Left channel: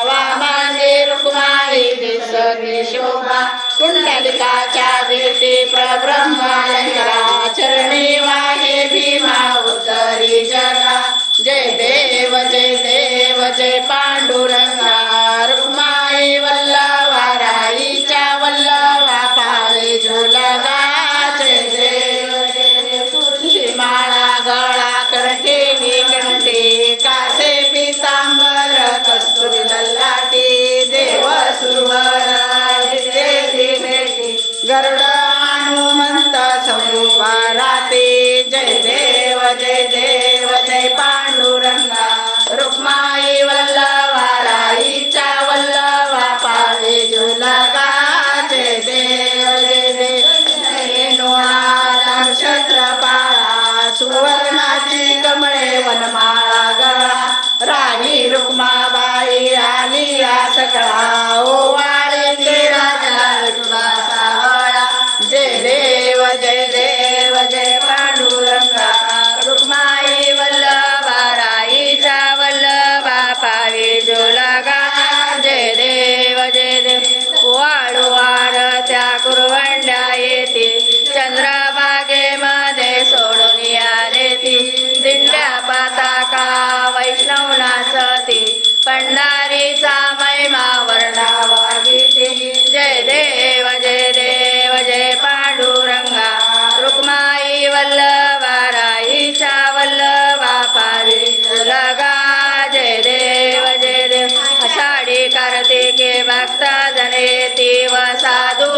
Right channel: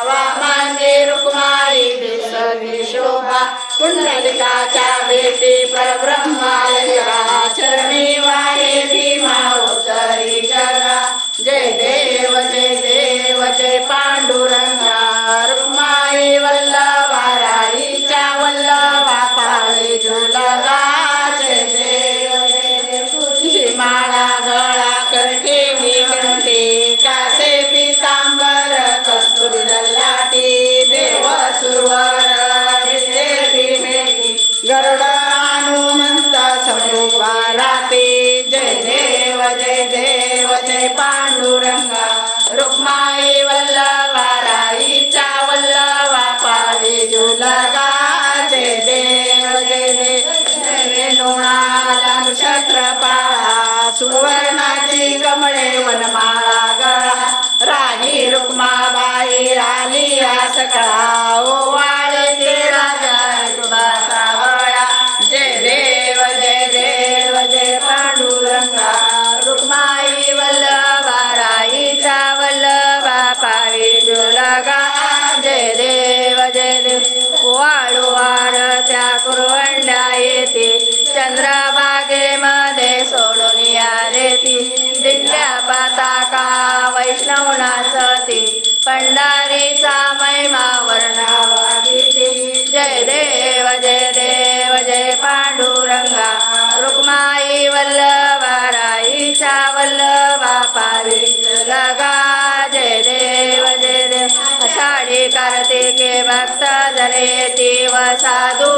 वा मांगे रुक्माई शोभा कुंडलिकाच्या भेटी प्रब्रह्मायरा चरणी वाहे भीमा उतरी जगा जय देव जय देव जय पांडुरंगा. गरुड हनुमंत स्वरूपा राते. जय देव जय देव जय पांडुरंगा. रुक्माई वल्लभा राईच्या वल्लभा पावे झुलगा जय देव जय देव. नुळा नक्षत्र पाळा सुवर्णाची कमळे वनमाळा गळा. राणी रुक्माबाई आली या सकळा ओ चंद्रभागेमध्ये सोडून आले ती दिल्या पाताका वैष्णव नाचती पंढारीचा महिमा वर्णावा गीते. जय देव जय देव जय पांडुरंगा. रुक्माई वल्लभा राईचा वल्लभा पारी लगा. जय देव जय देव. आषाढी कार्तिके भक्त जनेती व साधू